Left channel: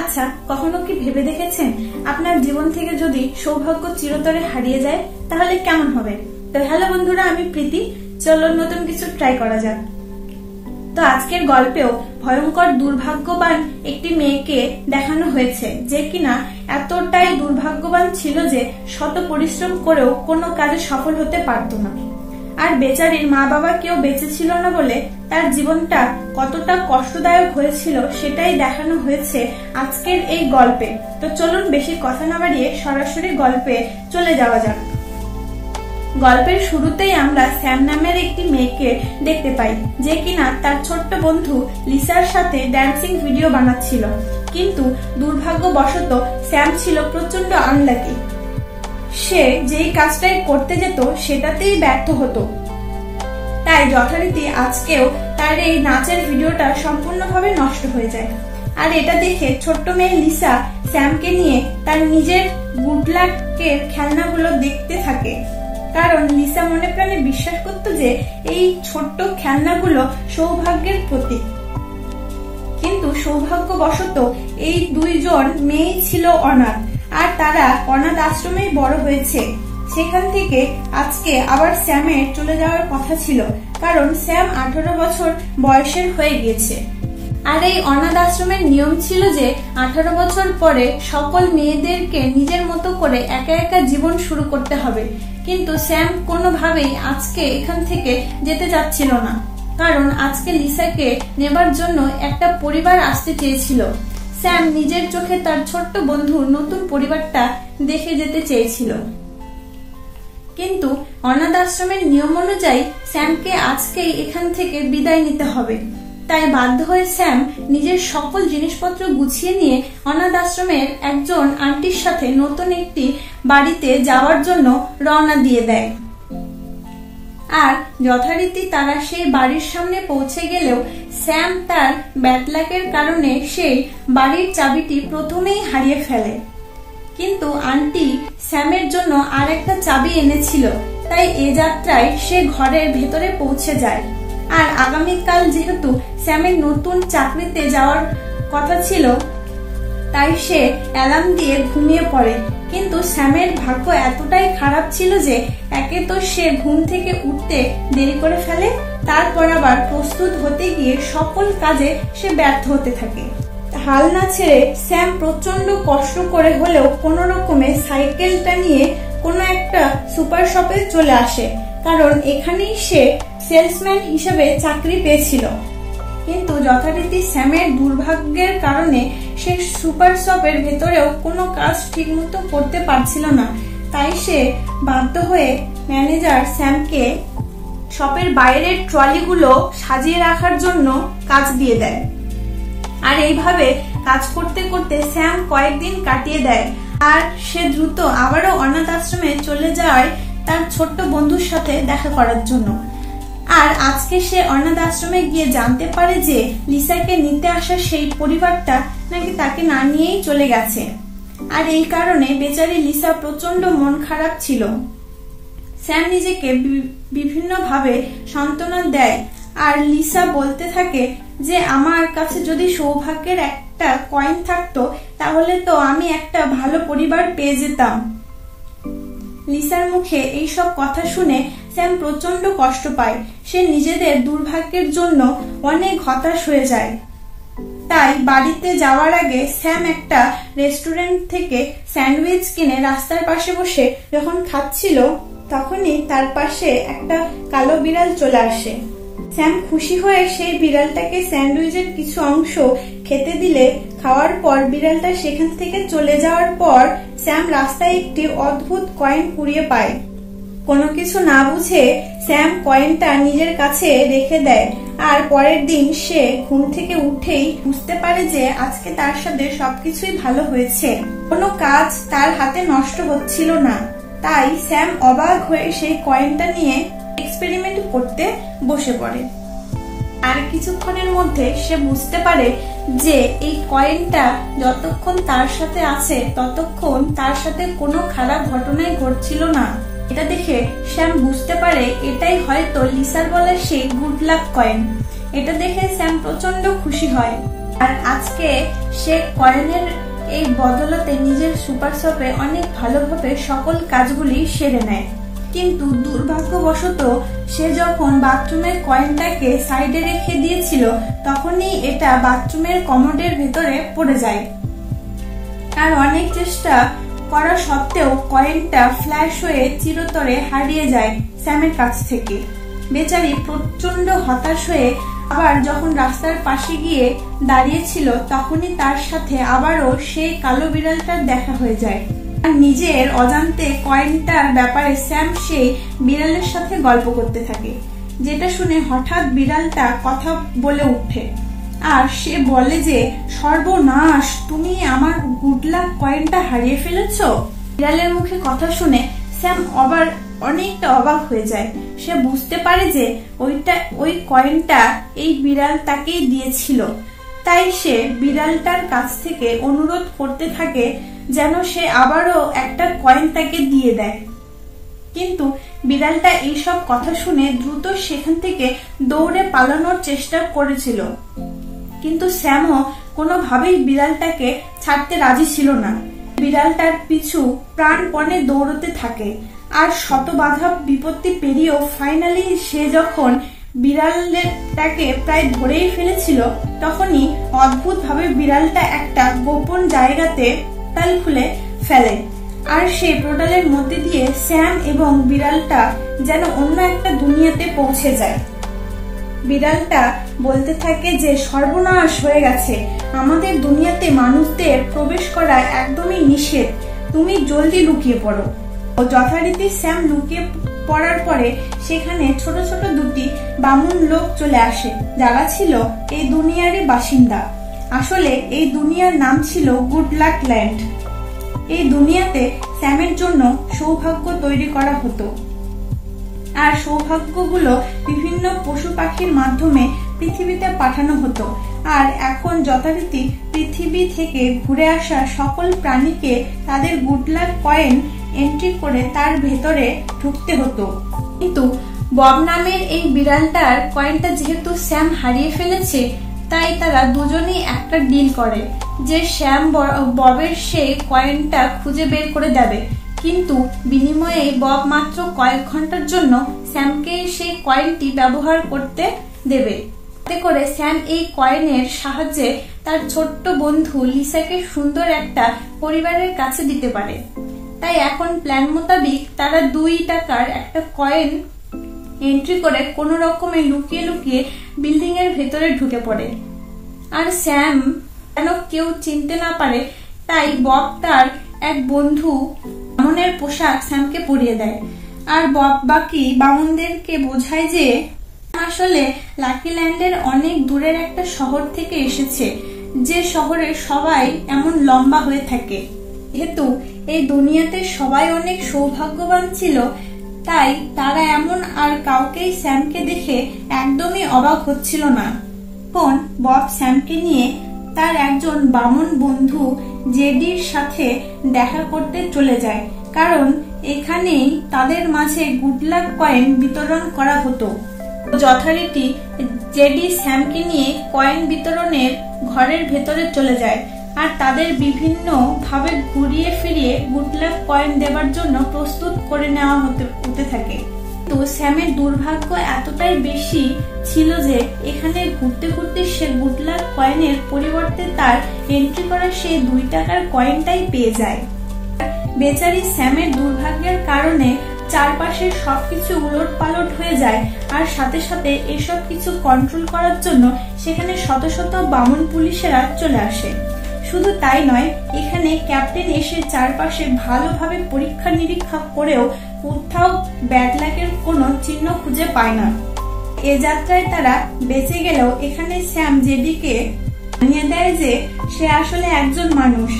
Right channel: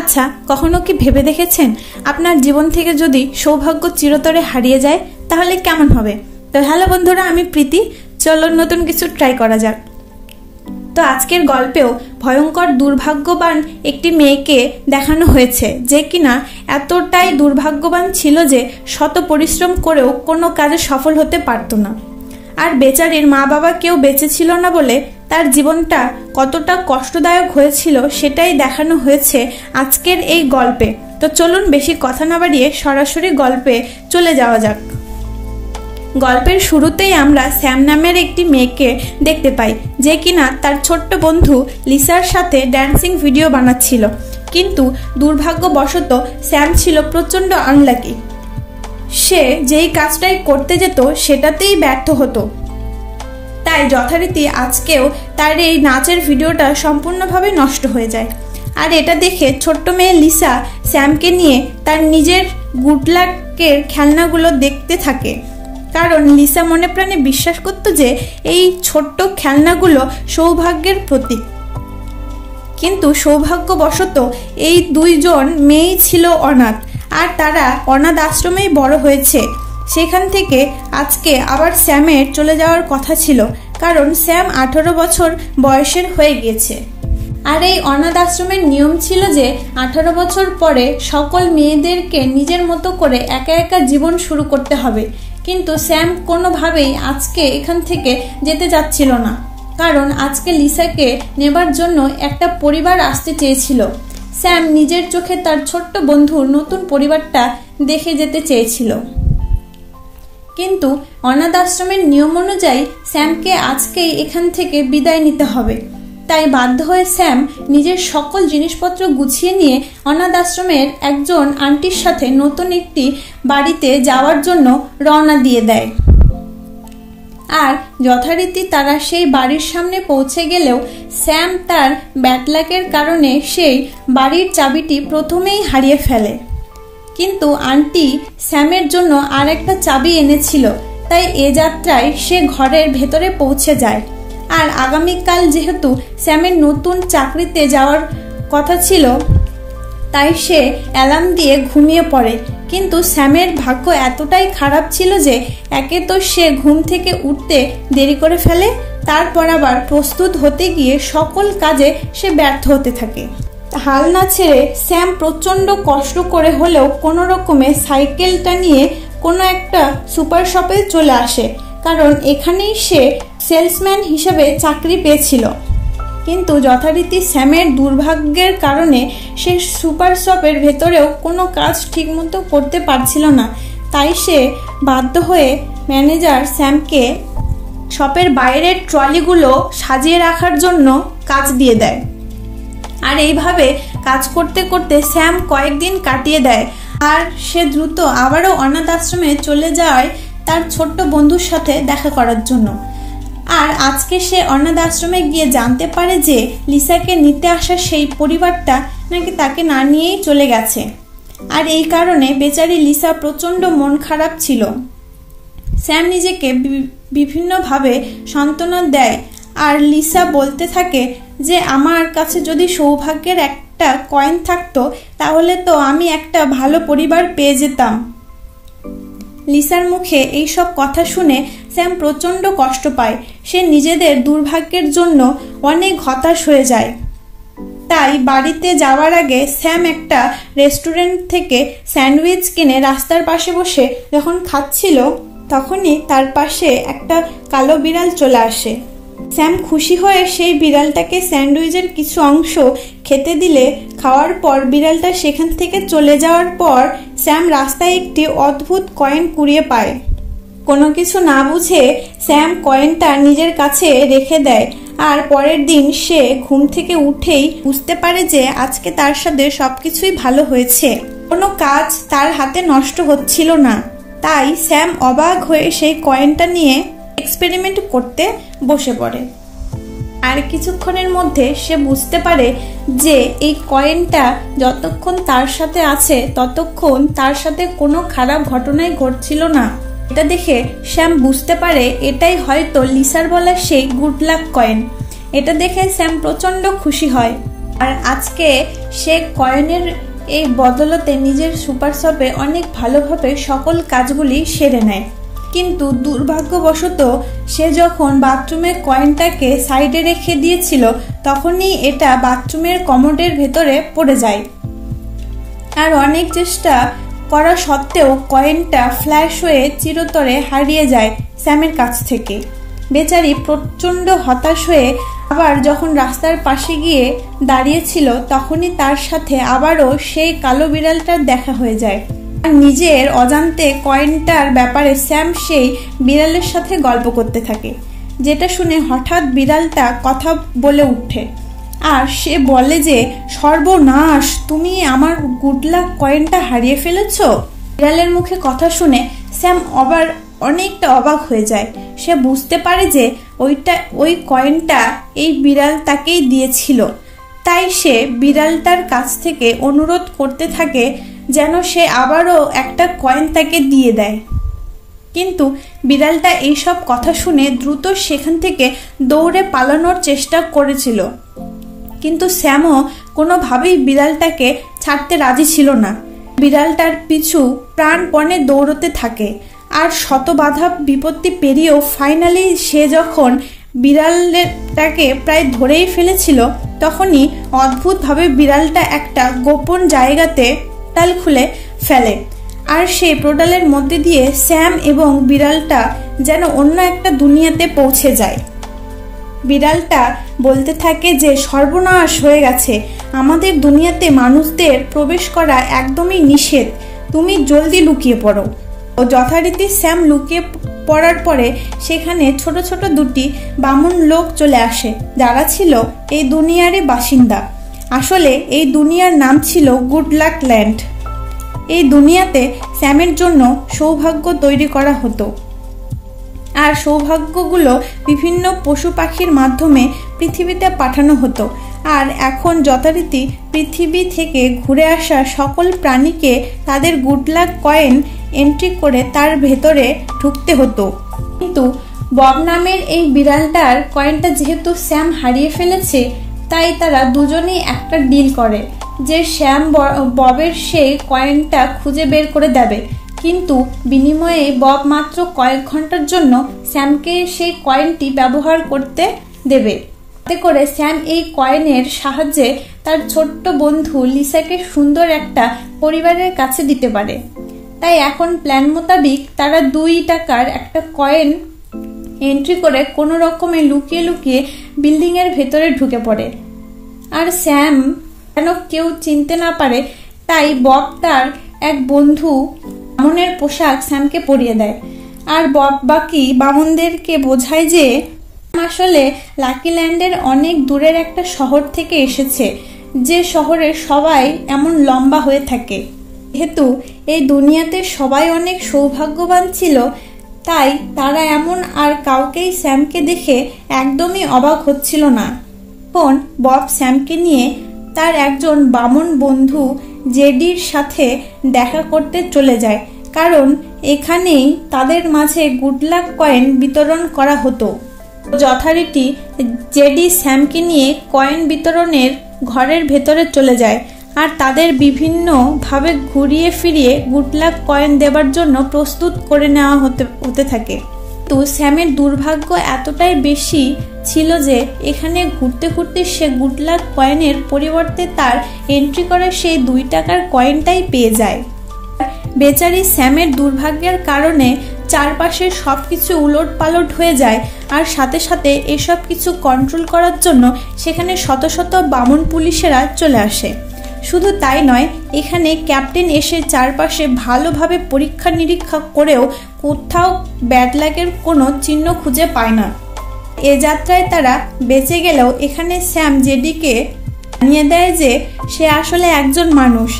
আচ্ছা, কখনো কি ভেবে দেখেছেন আপনার জীবন থেকে যদি সৌভাগ্য চিরতরে হারিয়ে যায় তাহলে কেমন হবে? তো হ্যালো বন্ধুরা, আমি প্রীতি। চলো নতুন কিছু ট্রাই করা যাক। তো আজকের গল্পেও ভয়ঙ্কর দুর্ভাগ্যবান একটি মেয়েকে দেখানো হয়েছে, যে কিনা এতটাই দুর্ভাগ্যবান ছিল যে শত পরিশ্রম করেও কোনো কাজে সফল হতে পারত না। আর বেচারির মা বাবা কেউ বেঁচে ছিল না বলে তার জীবনটা কতটা কষ্টদায়ক হয়েছিল সেটাই দেখানো হয়েছে আজকের এই গল্পে। তো চলুন বেশি কথা না বাড়িয়ে সরাসরি গল্পে চলে যাওয়া যাক। গল্পের শুরুতেই আমরা স্যাম নামের একটি মেয়েকে দেখতে পাই, যে কিনা তার ছোট্ট বন্ধু লিসার সাথে ড্যান্সিং ভিডিও বানাচ্ছিল। কিন্তু দুর্ভাগ্যবশত স্যাম ছিল প্রচন্ড আনলাকি। সে যেই কাজটাই করতে যেত সেটাতেই ব্যর্থ হতো। তাই যথারীতি আজকেও তার এই নাচের ভিডিওটা সম্পূর্ণভাবে নষ্ট হয়ে যায়। আর এটা দেখে ছোট্ট মেয়ে লিসা স্যামকে নিয়ে তার নিজের গুড লাকের খেলনাগুলো দেখতে থাকে, কারণ লিসা মনে প্রাণে বিশ্বাস করত যে এই ছোট্ট খেলনাগুলো সৌভাগ্যের প্রতীক। কিন্তু সৌভাগ্যবশত এই দুইজন মেয়েই ছিল অনাথ, আর তারা অনাথ আশ্রমেই বড় হয়েছে। সেখান থেকে আজকে আবার স্যামের চলে যাওয়ার কথা ছিল, কারণ স্যাম 18 বছর বয়সের হয়ে গিয়েছে। আর এই অনাথ আশ্রমের নিয়ম ছিল যে 18 বছর পরে সকল মেয়েদেরকে নিজের মতো করে একা একা জীবন শুরু করতে হবে। কিন্তু স্যাম কোনোভাবেই আজকে এখান থেকে যেতে চাচ্ছিল না, কারণ আজকে লিসাকে নেবার জন্য একটা পরিবার আসতে চেয়েছিল। স্যাম নিজের চোখে তার ছোট্ট বন্ধুর নতুন পরিবারটা দেখে যেতে চেয়েছিল। কিন্তু অনাথ আশ্রমের নিয়ম অনুযায়ী স্যামকে আজকেই এখান থেকে বিদায় নিতে হবে। তাই বাধ্য হয়ে স্যাম নিজের সকল জিনিসপত্র গুছিয়ে নিয়ে অনাথ আশ্রমের একজন আন্টির সাথে নতুন একটি বাড়িতে যাওয়ার জন্য রওনা দিয়ে দেয়। আর যথারীতি তারা সেই বাড়ির সামনে পৌঁছে গেলেও স্যাম তার ব্যাড লাকের কারণে সেই বাড়ির চাবিটি প্রথমেই হারিয়ে ফেলে। কিন্তু আন্টি স্যামের জন্য আর একটা চাবি এনেছিল, তাই এ যাত্রায় সে ঘরের ভেতরে পৌঁছে যায়। আর আগামীকাল যেহেতু স্যামের নতুন চাকরিতে যাওয়ার কথা ছিল, তাই সে অ্যালার্ম দিয়ে ঘুমিয়ে পড়ে। কিন্তু স্যামের ভাগ্য এতটাই খারাপ ছিল যে একে তো সে ঘুম থেকে উঠতে দেরি করে ফেলে, তারপর আবার প্রস্তুত হতে গিয়ে সকল কাজে সে ব্যর্থ হতে থাকে। হাল না ছেড়ে স্যাম প্রচন্ড কষ্ট করে হলেও কোনো রকমে সাইকেলটা নিয়ে কোনো একটা সুপার শপে চলে আসে, কারণ এখানেই সে সেলসম্যান হিসেবে চাকরি পেয়েছিল। কিন্তু যথারীতি স্যামের দুর্ভাগ্যের কারণে সে সুপার শপের ভেতরেও কোনো কাজ ঠিকমতো করতে পারছিল না। তাই সে বাধ্য হয়ে ম্যানেজার স্যামকে শপের বাইরের ট্রলিগুলো সাজিয়ে রাখার জন্য কাজ দিয়ে দেয়। আর এইভাবে কাজ করতে করতে স্যাম কয়েকদিন কাটিয়ে দেয়। আর সে দ্রুত আবারও অনাথ আশ্রমে চলে যায় তার ছোট্ট বন্ধুর সাথে দেখা করার জন্য। আর আজকে সে অনাথ আশ্রমে গিয়ে জানতে পারে যে লিসাকে নিতে আসা সেই পরিবারটা নাকি তাকে না নিয়েই চলে গেছে। আর এই কারণে বেচারি লিসা প্রচন্ড মন খারাপ ছিল। স্যাম নিজেকে বিভিন্নভাবে সান্ত্বনা দেয়, আর লিসা বলতে থাকে যে আমার কাছে যদি সৌভাগ্যের একটা কয়েন থাকতো তাহলে তো আমি একটা ভালো পরিবার পেয়ে যেতাম। লিসার মুখে এইসব কথা শুনে স্যাম প্রচন্ড কষ্ট পায়। সে নিজেদের দুর্ভাগ্যের জন্য অনেক হতাশ হয়ে যায়। তাই বাড়িতে যাওয়ার আগে স্যাম একটা রেস্টুরেন্ট থেকে স্যান্ডউইচ কিনে রাস্তার পাশে বসে যখন খাচ্ছিল, তখনই তার পাশে একটা কালো বিড়াল চলে আসে। স্যাম খুশি হয়ে সেই বিড়ালটাকে স্যান্ডউইচের কিছু অংশ খেতে দিলে খাওয়ার পর বিড়ালটা সেখান থেকে চলে যাওয়ার পর স্যাম রাস্তায় একটি অদ্ভুত কয়েন কুড়িয়ে পায়। কোনো কিছু না বুঝে স্যাম কয়েনটা নিজের কাছে রেখে দেয়। আর পরের দিন সে ঘুম থেকে উঠেই বুঝতে পারে যে আজকে তার সাথে সবকিছুই ভালো হয়েছে, কোনো কাজ তার হাতে নষ্ট হচ্ছিল না। তাই স্যাম অবাক হয়ে সেই কয়েনটা নিয়ে এক্সপেরিমেন্ট করতে বসে পড়ে। আর কিছুক্ষণের মধ্যে সে বুঝতে পারে যে এই কয়েনটা যতক্ষণ তার সাথে আছে ততক্ষণ তার সাথে কোনো খারাপ ঘটনাই ঘটছিল না। এটা দেখে স্যাম বুঝতে পারে এটাই হয়তো লিসার বলা সেই গুড লাক কয়েন। এটা দেখে স্যাম প্রচন্ড খুশি হয়। আর আজকে সে কয়েনের এই বদলতে নিজের সুপার শপে অনেক ভালোভাবে সকল কাজগুলি সেরে নেয়। কিন্তু দুর্ভাগ্যবশত সে যখন বাথরুমের কয়েনটাকে সাইডে রেখে দিয়েছিল তখনই এটা বাথরুমের কমোডের ভেতরে পড়ে যায়। আর অনেক চেষ্টা করা সত্ত্বেও কয়েনটা ফ্ল্যাশ হয়ে চিরতরে হারিয়ে যায় স্যামের কাছ থেকে। বেচারি প্রচন্ড হতাশ হয়ে আবার যখন রাস্তার পাশে গিয়ে দাঁড়িয়েছিল তখনই তার সাথে আবারও সেই কালো বিড়ালটার দেখা হয়ে যায়। আর নিজের অজান্তে কয়েনটার ব্যাপারে স্যাম সেই বিড়ালের সাথে গল্প করতে থাকে, যেটা শুনে হঠাৎ বিড়ালটা কথা বলে ওঠে। আর সে বলে যে, সর্বনাশ, তুমি আমার গুড লাক কয়েনটা হারিয়ে ফেলেছ। বিড়ালের মুখে কথা শুনে স্যাম অনেকটা অবাক হয়ে যায়। সে বুঝতে পারে যে ওই কয়েনটা এই বিড়াল তাকেই দিয়েছিল। তাই সে বিড়ালটার কাছ থেকে অনুরোধ করতে থাকে যেন সে আবারও একটা কয়েন তাকে দিয়ে দেয়। কিন্তু বিড়ালটা এইসব কথা শুনে দ্রুত সেখান থেকে দৌড়ে পালানোর চেষ্টা করেছিল। কিন্তু স্যামও কোনোভাবেই বিড়ালটাকে ছাড়তে রাজি ছিল না। বিড়ালটার পিছু প্রাণপণে দৌড়তে থাকে। আর শত বাধা বিপত্তি পেরিয়েও ফাইনালি সে যখন বিড়ালটাকে প্রায় ধরেই ফেলেছিল তখনই অদ্ভুতভাবে বিড়ালটা একটা গোপন জায়গাতে পোর্টাল খুলে ফেলে। আর সেই পোর্টালের মধ্যে দিয়ে স্যাম এবং বিড়ালটা যেন অন্য একটা দুনিয়াতে পৌঁছে যায়। বিড়ালটা বলতে থাকে যে, সর্বনাশ হয়ে গেছে, আমাদের দুনিয়াতে মানুষদের প্রবেশ করা একদমই নিষেধ, তুমি জলদি লুকিয়ে পড়ো। ও যথারীতি স্যাম লুকিয়ে পড়ার পরে সেখানে ছোট ছোট দুটি বামুন লোক চলে আসে, যারা ছিল এই দুনিয়ারই বাসিন্দা। আসলে এই দুনিয়ার নাম ছিল গুড লাক ল্যান্ড। এই দুনিয়াতে স্যামের জন্য সৌভাগ্য তৈরি করা হতো। আর সৌভাগ্যগুলো বিভিন্ন পশু পাখির মাধ্যমে পৃথিবীতে পাঠানো হতো। আর এখন যথারীতি পৃথিবী থেকে ঘুরে আসা সকল প্রাণীকে তাদের গুড লাক কয়েন এন্ট্রি করে তার ভেতরে ঢুকতে হতো। কিন্তু বব নামের এই বিড়ালটার কয়েনটা যেহেতু স্যাম হারিয়ে ফেলেছে, তাই তারা দুজনেই একটা ডিল করে যে শ্যাম ববের সেই কয়েনটা খুঁজে বের করে দেবে। কিন্তু বিনিময়ে বব মাত্র কয়েক ঘন্টার জন্য স্যামকে সেই কয়েনটি ব্যবহার করতে দেবে। তাতে করে স্যাম এই কয়েনের সাহায্যে তার ছোট্ট বন্ধু লিসাকে সুন্দর একটা পরিবারের কাছে দিতে পারে। তাই এখন প্ল্যান মোতাবিক তারা 2 টাকার একটা কয়েন এন্ট্রি করে কোনো রকমে লুকিয়ে লুকিয়ে বিল্ডিং এর ভেতরে ঢুকে পড়ে। আর স্যাম যেন কেউ চিনতে না পারে তাই বব তার এক বন্ধু বামনের পোশাক স্যামকে পরিয়ে দেয়। আর বব বাকি বামনদেরকে বোঝায় যে আসলে লাকি ল্যান্ডের অনেক দূরের একটা শহর থেকে এসেছে, যে শহরের সবাই এমন লম্বা হয়ে থাকে। যেহেতু এই দুনিয়াতে সবাই অনেক সৌভাগ্যবান ছিল, তাই তারা এমন আর কাউকেই স্যামকে দেখে একদমই অবাক হচ্ছিল না। তখন বব স্যামকে নিয়ে তার একজন বামন বন্ধু জেডির সাথে দেখা করতে চলে যায়, কারণ এখানেই তাদের মাঝে গুড লাক কয়েন বিতরণ করা হতো। যথারীতি জেডি স্যামকে নিয়ে কয়েন বিতরণের ঘরের ভেতরে চলে যায়। আর তাদের বিভিন্ন ভাবে ঘুরিয়ে ফিরিয়ে গুড লাক কয়েন দেবার জন্য প্রস্তুত করে নেওয়া হতে থাকে। তো স্যামের দুর্ভাগ্য এতটাই বেশি ছিল যে এখানে ঘুরতে ঘুরতে সে গুড লাক কয়েনের পরিবর্তে তার এন্ট্রি করা সেই 2 টাকার কয়েনটাই পেয়ে যায়। বেচারি স্যামের দুর্ভাগ্যের কারণে চারপাশে সবকিছু উলট পালট হয়ে যায়। আর সাথে সাথে এসব কিছু কন্ট্রোল করার জন্য সেখানে শত শত বামন পুলিশেরা চলে আসে। শুধু তাই নয়, এখানে ক্যাপ্টেন এসে চারপাশে ভালোভাবে পরীক্ষা নিরীক্ষা করেও কোথাও ব্যাড লাকের কোনো চিহ্ন খুঁজে পায় না। এ যাত্রায় তারা বেঁচে গেলেও এখানে স্যাম জেডিকে জানিয়ে দেয় যে সে আসলে একজন মানুষ,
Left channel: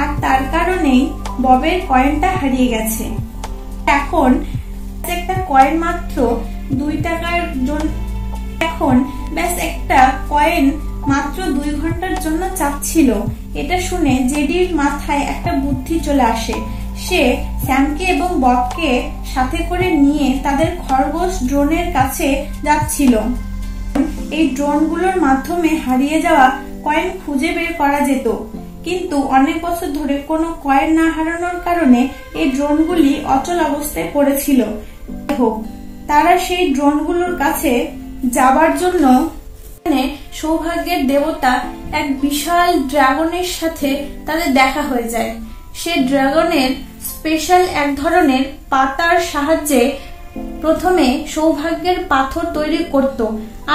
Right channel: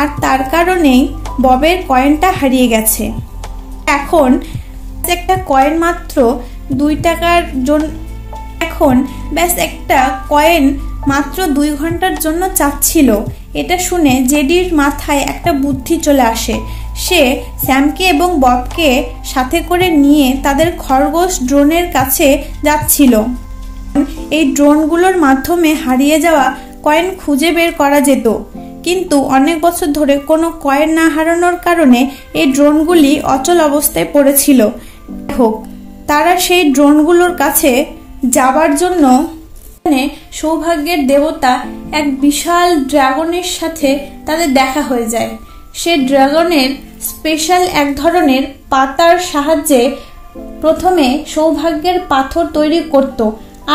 আর তার কারণেই ববের কয়েনটা হারিয়ে গেছে। এখন একটা কয়েন মাত্র 2 টাকার জন্য, এখন ব্যাস একটা কয়েন মাত্র 2 ঘন্টার জন্য চাচ্ছিল। এটা শুনে জেডির মাথায় একটা বুদ্ধি চলে আসে। সে স্যামকে এবং ববকে সাথে করে নিয়ে তাদের খরগোশ ড্রোনের কাছে যাচ্ছিল। এই ড্রোনগুলোর মাধ্যমে হারিয়ে যাওয়া কয়েন খুঁজে বের করা যেত, কিন্তু অনেক বছর ধরে কোনো কয়েন না হারানোর কারণে এই ড্রোনগুলি অচল অবস্থায় পড়েছিল। হোক, তারা সেই ড্রোনগুলোর কাছে যাবার জন্য সৌভাগ্যের দেবতা এক বিশাল ড্রাগনের সাথে তাদের দেখা হয়ে যায়। সে ড্রাগনের স্পেশাল এক ধরনের পাতার সাহায্যে প্রথমে সৌভাগ্যের পাথর তৈরি করত,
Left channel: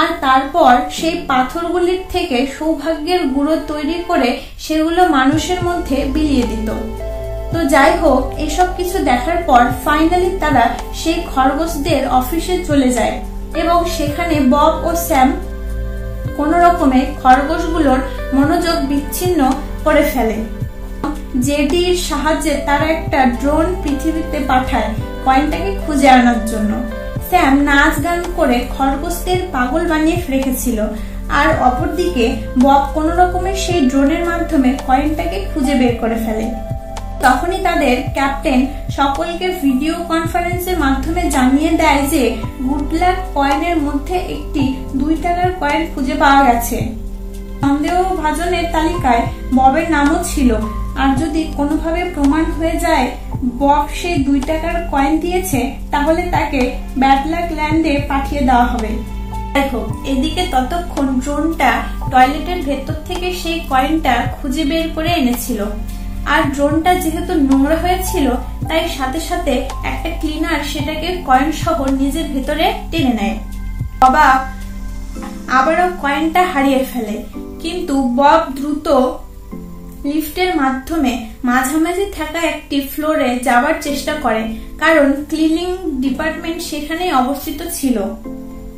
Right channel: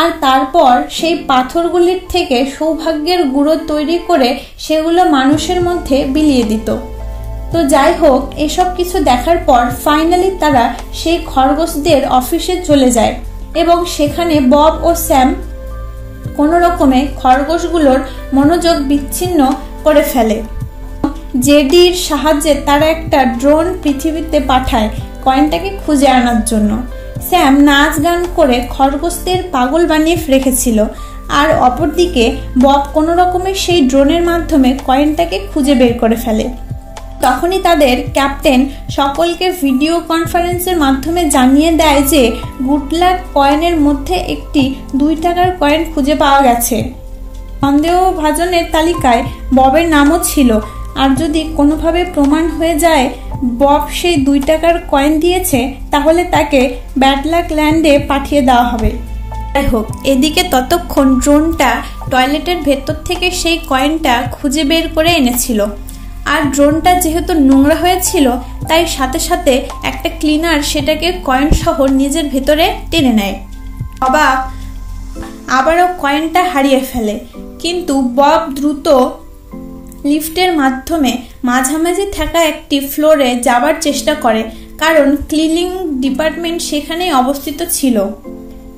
আর তারপর সেই পাথরগুলির থেকে সৌভাগ্যের গুঁড়ো তৈরি করে সেগুলো মানুষের মধ্যে বিলিয়ে দিত। তো যাই হোক, এসব কিছু দেখার পর ফাইনালি তারা সেই খরগোশদের অফিসে চলে যায় এবং সেখানে বব ও স্যাম কোনো রকমে খরগোশগুলোর মনোযোগ বিচ্ছিন্ন করে ফেলে। জেডির সাহায্যে তারা একটা ড্রোন পৃথিবীতে পাঠায় কয়েনটাকে খুঁজে আনার জন্য। স্যাম নাচ গান করে খরগোশদের পাগল বানিয়ে রেখেছিল, আর অপরদিকে বব কোনো রকমের সেই ড্রোনের মাধ্যমে কয়েনটাকে খুঁজে বের করে ফেলে। তখনই তাদের ক্যাপ্টেন সকলকে ভিডিও কনফারেন্সের মাধ্যমে জানিয়ে দেয় যে গুড লাক কয়েনের মধ্যে একটি 2 টাকার কয়েন খুঁজে পাওয়া গেছে। সন্দেহভাজনের তালিকায় ববের নামও ছিল, আর যদি কোনোভাবে প্রমাণ হয়ে যায় বব সেই 2 টাকার কয়েন দিয়েছে, তাহলে তাকে ব্যাড লাক ল্যান্ডে পাঠিয়ে দেওয়া হবে। যাই হোক, এদিকে ততক্ষণ ড্রোনটা টয়লেটের ভেতর থেকে সেই কয়েনটা খুঁজে বের করে এনেছিল, আর ড্রোনটা যেহেতু নোংরা হয়েছিল তাই সাথে সাথে একটা ক্লিনার সেটাকে কয়েন সহ নিজের ভেতরে টেনে নেয়। অবাক আবারও কয়েনটা হারিয়ে ফেলে, কিন্তু বব দ্রুত লিফটের মাধ্যমে মাঝামাঝি থাকা একটি ফ্লোরে যাবার চেষ্টা করে, কারণ ক্লিনিং ডিপার্টমেন্ট সেখানেই অবস্থিত ছিল।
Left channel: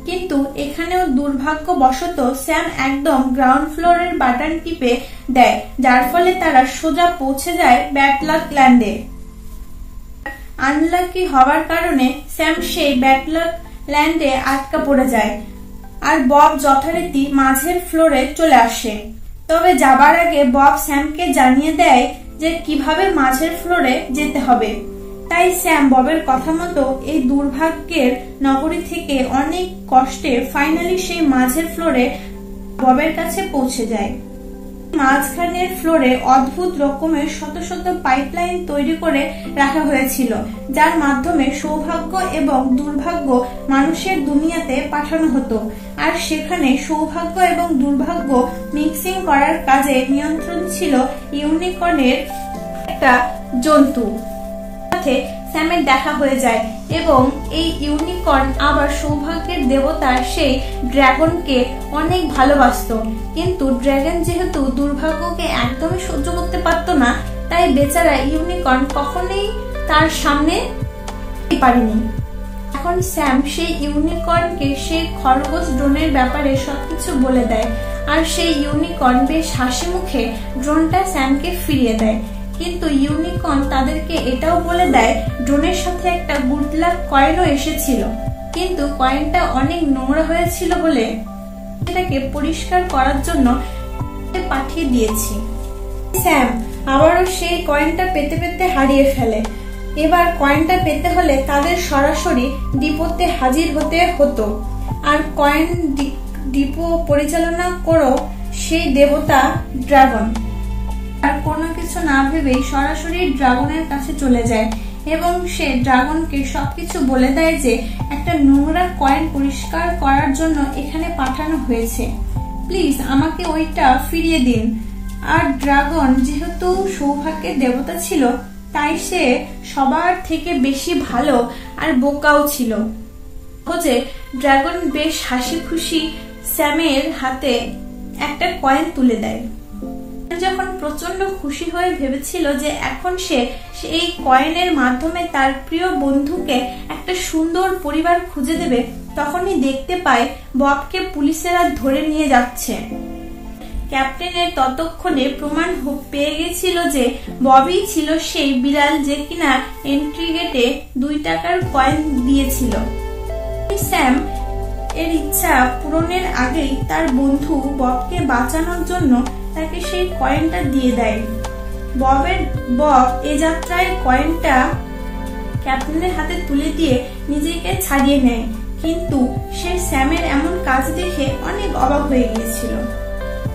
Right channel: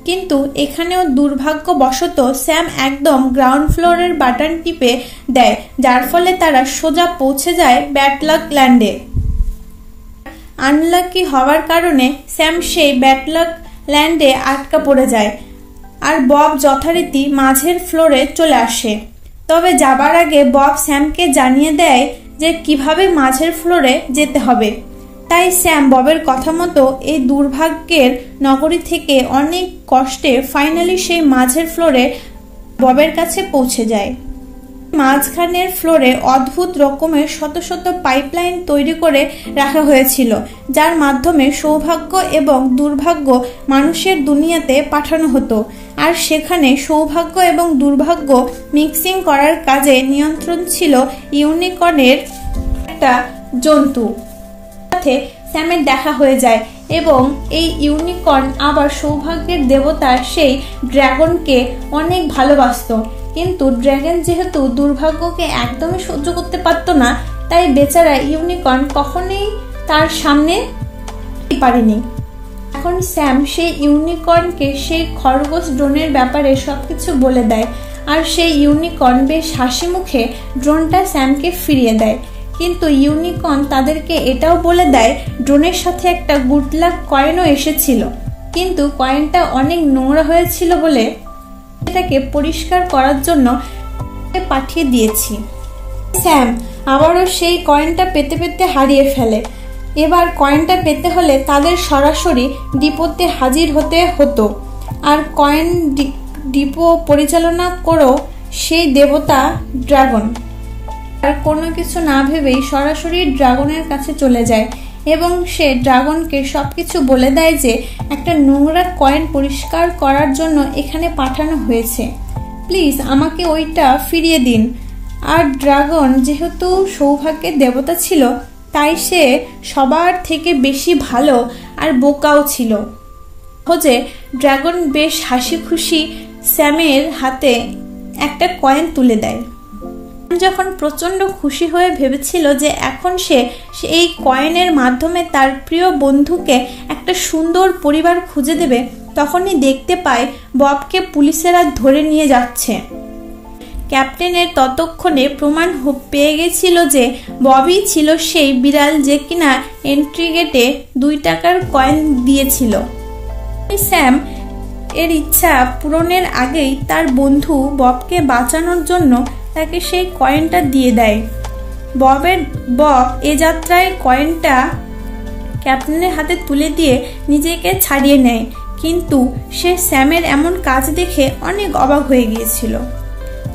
কিন্তু এখানেও দুর্ভাগ্যবশত স্যাম একদম গ্রাউন্ড ফ্লোরের বাটন টিপে দেয়, যার ফলে তারা সোজা পৌঁছে যায় ব্যাড লাক ল্যান্ডে। আনলাকি হওয়ার কারণে স্যাম সেই ব্যাড লাক ল্যান্ডে আটকা পড়ে যায়, আর বব যথারীতি মাঝের ফ্লোরে চলে আসে। তবে যাবার আগে বব স্যামকে জানিয়ে দেয় যে কিভাবে মাঝের ফ্লোরে যেতে হবে। তাই স্যাম ববের কথা মতো এই দুর্ভাগ্যের নগরী থেকে অনেক কষ্টে ফাইনালি সেই মাঝের ফ্লোরে ববের কাছে পৌঁছে যায়। মাঝখানের ফ্লোরে অদ্ভুত রকমের শত শত পাইপলাইন তৈরি করে রাখা হয়েছিল, যার মাধ্যমে সৌভাগ্য এবং দুর্ভাগ্য মানুষের দুনিয়াতে পাঠানো হতো, আর সেখানে সৌভাগ্য এবং দুর্ভাগ্য মিক্সিং করার কাজে নিয়ন্ত্রণ ছিল ইউনিকর্নের একটা জন্তু। সাথে স্যামের দেখা হয়ে যায় এবং এই ইউনিকর্ন আবার সৌভাগ্যের দেবতা সেই ড্রাগনকে অনেক ভালোবাসত, কিন্তু ড্রাগন যেহেতু দুর্ভাগ্যকে একদমই সহ্য করতে পারত না, তাই বেচারা ইউনিকর্ন কখনোই তার সামনে পারেনি। এখন স্যাম সেই ইউনিকর্নকে সেই খরগোশ ড্রোনের ব্যাপারে সবকিছু বলে দেয়, আর সেই ইউনিকর্ন বেশ হাসি মুখে ড্রোনটা স্যামকে ফিরিয়ে দেয়। কিন্তু ইউনিকর্ন তাদেরকে এটাও বলে দেয় ড্রোনের সাথে একটা গুড লাক কয়েনও এসেছিল, কিন্তু কয়েনটা অনেক নোংরা হয়েছিল বলে এটাকে পরিষ্কার করার জন্য পাঠিয়ে দিয়েছি। স্যাম আবারও সেই কয়েনটা পেতে পেতে হারিয়ে ফেলে। এবার কয়েনটা পেতে হলে তাদের সরাসরি ডিপোতে হাজির হতে হতো, আর কয়েন ডিপো পরিচালনা করেও সেই দেবতা ড্রাগন আর কোনো কিছু না ভেবেই সরাসরি ড্রাগনের কাছে চলে যায় এবং সে ড্রাগনকে সবকিছু বলে দেয় যে একটা নোংরা কয়েন পরিষ্কার করার জন্য এখানে পাঠানো হয়েছে, প্লিজ আমাকে ওইটা ফিরিয়ে দিন। আর ড্রাগন যেহেতু সৌভাগ্যের দেবতা ছিল, তাই সে সবার থেকে বেশি ভালো আর বোকাও ছিল। যে ড্রাগন বেশ হাসি খুশি স্যামের হাতে একটা কয়েন তুলে দেয়। যখন প্রচন্ড খুশি হয়ে ভেবেছিল যে এখন সে এই কয়েনের মাধ্যমে তার প্রিয় বন্ধুকে একটা সুন্দর পরিবার খুঁজে দেবে, তখনই দেখতে পায় ববকে পুলিশেরা ধরে নিয়ে যাচ্ছে। ক্যাপ্টেনের ততক্ষণে প্রমাণ পেয়ে গেছিল যে ববই ছিল সেই বিড়াল যে কিনা এন্ট্রি গেটে 2 টাকার কয়েন দিয়েছিল। স্যাম এর ইচ্ছা পূরণের আগেই তার বন্ধু ববকে বাঁচানোর জন্য তাকে সেই কয়েনটা দিয়ে দেয়। বব এ যাত্রায় কয়েনটা ক্যাপ্টেনের হাতে তুলে দিয়ে নিজেকে ছাড়িয়ে নেয়, কিন্তু সে স্যামের এমন কাজ দেখে অনেক অবাক হয়ে গিয়েছিল,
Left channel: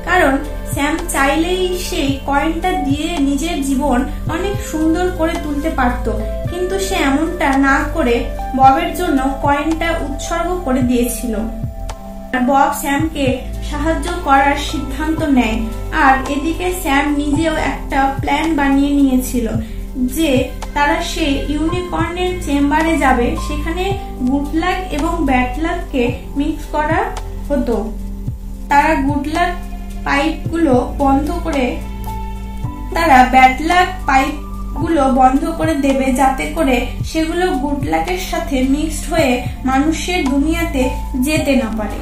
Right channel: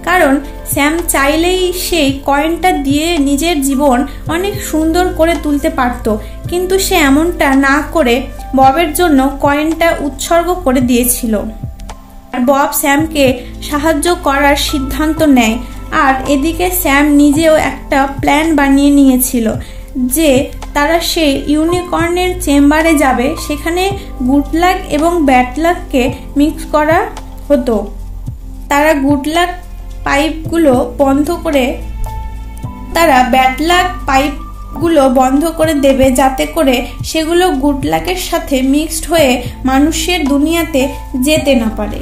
কারণ স্যাম চাইলেই সেই কয়েনটা দিয়ে নিজের জীবন অনেক সুন্দর করে তুলতে পারত, কিন্তু সে এমনটা না করে ববের জন্য কয়েনটা উৎসর্গ করে দিয়েছিল। আর বব স্যামকে সাহায্য করার সিদ্ধান্ত নেয়। আর এদিকে স্যাম নিজেও একটা প্ল্যান বানিয়ে নিয়েছিল যে তারা সেই ইউনিকর্নের চেম্বারে যাবে, সেখানে গুড লাক এবং ব্যাড লাককে মিক্স করা হতো। তারা গুড লাক পাইপগুলো বন্ধ করে তারা ব্যাড লাক পাইপগুলো বন্ধ করে দেবে, যাতে করে সেগুলো গুড লাকের সাথে মিক্সড হয়ে মানুষের দুনিয়াতে যেতে না পারে।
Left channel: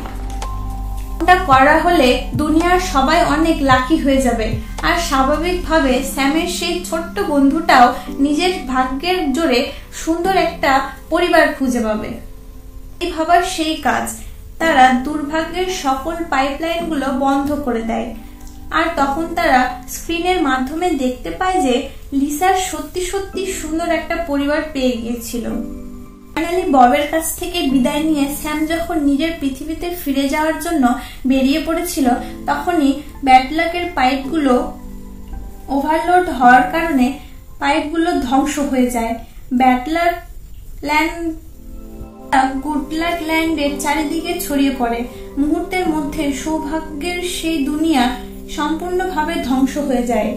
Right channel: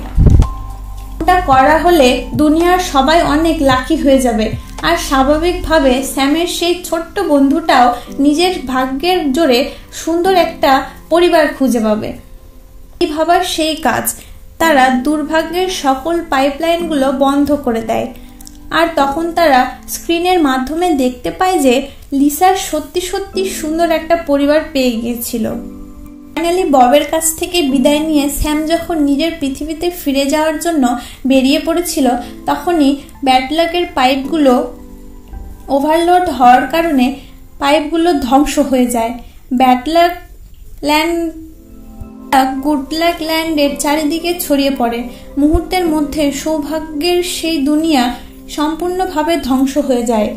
এটা করা হলে দুনিয়ার সবাই অনেক লাকি হয়ে যাবে, আর স্বাভাবিকভাবে স্যামের সেই ছোট্ট বন্ধুটাও নিজের ভাগ্যের জোরে সুন্দর একটা পরিবার খুঁজে পাবে। এই ভাবার সেই কাজ, তারা দুর্ভাগ্যের সকল পাইপলাইনগুলো বন্ধ করে দেয়। আর তখন তারা স্ক্রিনের মাধ্যমে দেখতে পায় যে লিসার সত্যি সত্যি সুন্দর একটা পরিবার পেয়ে গিয়েছিল। ফাইনালি ববের কাছ থেকে বিদায় নিয়ে স্যাম যখন নিজের পৃথিবীতে ফিরে যাওয়ার জন্য বেরিয়ে পড়েছিল, তখনই ব্যাড লাকের পাইপগুলো ওভারলোড হওয়ার কারণে পাইপগুলো ধ্বংস হয়ে যায়। Bad luck land good luck ল্যান্ডের চারিদিকে ছড়িয়ে পড়ে। মুহূর্তের মধ্যে সৌভাগ্যের সেই দুনিয়া সম্পূর্ণভাবে ধ্বংস হয়ে যায়।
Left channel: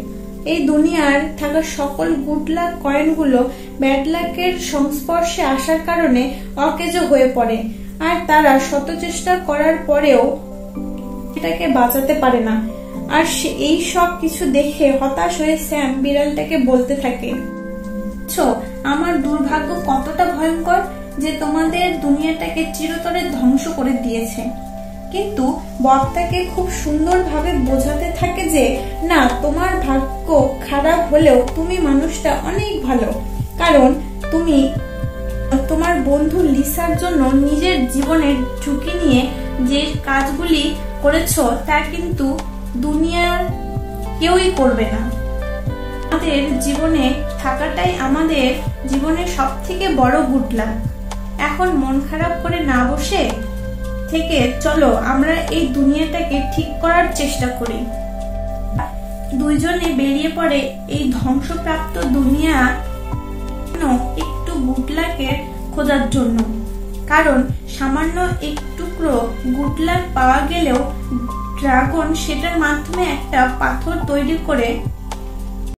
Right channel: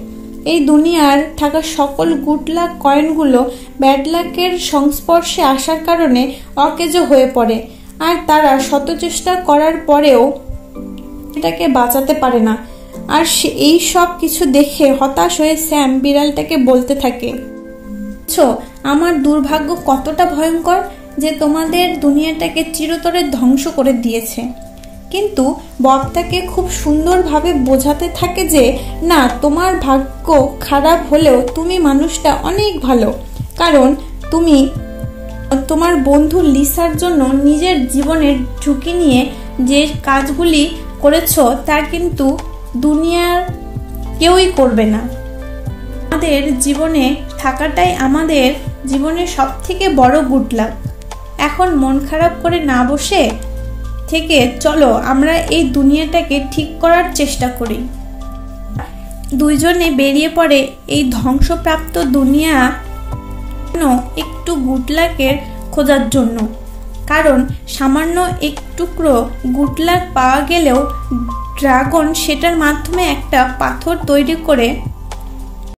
এই দুনিয়ার থাকা সকল গুড লাক কয়েনগুলো ব্যাড লাকের সংস্পর্শে আসার কারণে অকেজো হয়ে পড়ে, আর তারা শত চেষ্টা করার পরেও এটাকে বাঁচাতে পারে না। আর এই সব কিছু দেখে হতাশ হয়ে স্যাম বিড়ালটাকে বলতে থাকে, আমার দুর্ভাগ্য কতটা ভয়ঙ্কর যে তোমাদের দুনিয়াটাকে চিরতরে ধ্বংস করে দিয়েছে। কিন্তু বব তাকে খুব সুন্দরভাবে বোঝাতে থাকে যে না, তোমার ভাগ্য খারাপ হলেও তুমি মানুষটা অনেক ভালো, কারণ তুমি তোমার বন্ধু লিসার জন্য নিজের জীবনের ঝুঁকি নিয়ে যে কাজগুলি করেছো তা কিন্তু দুনিয়ার কেউই করবে না। আমাদের জীবনে থাকাটাই আমাদের জীবনের সব থেকে বড় গুড লাক। এখন মন খারাপ করে না বসে থেকে চলো আমরা এই দুনিয়াটাকে ঠিক করার চেষ্টা করি। দুইজনে বেরিয়ে পড়ে এই ধ্বংসপ্রাপ্ত দুনিয়া একটু গুড লাকের খোঁজার জন্য, কারণ সামান্য এক টুকরো গুড লাক পাওয়া গেলেও ড্রাগন সেটার মাধ্যমে একটা পাথর তৈরি করে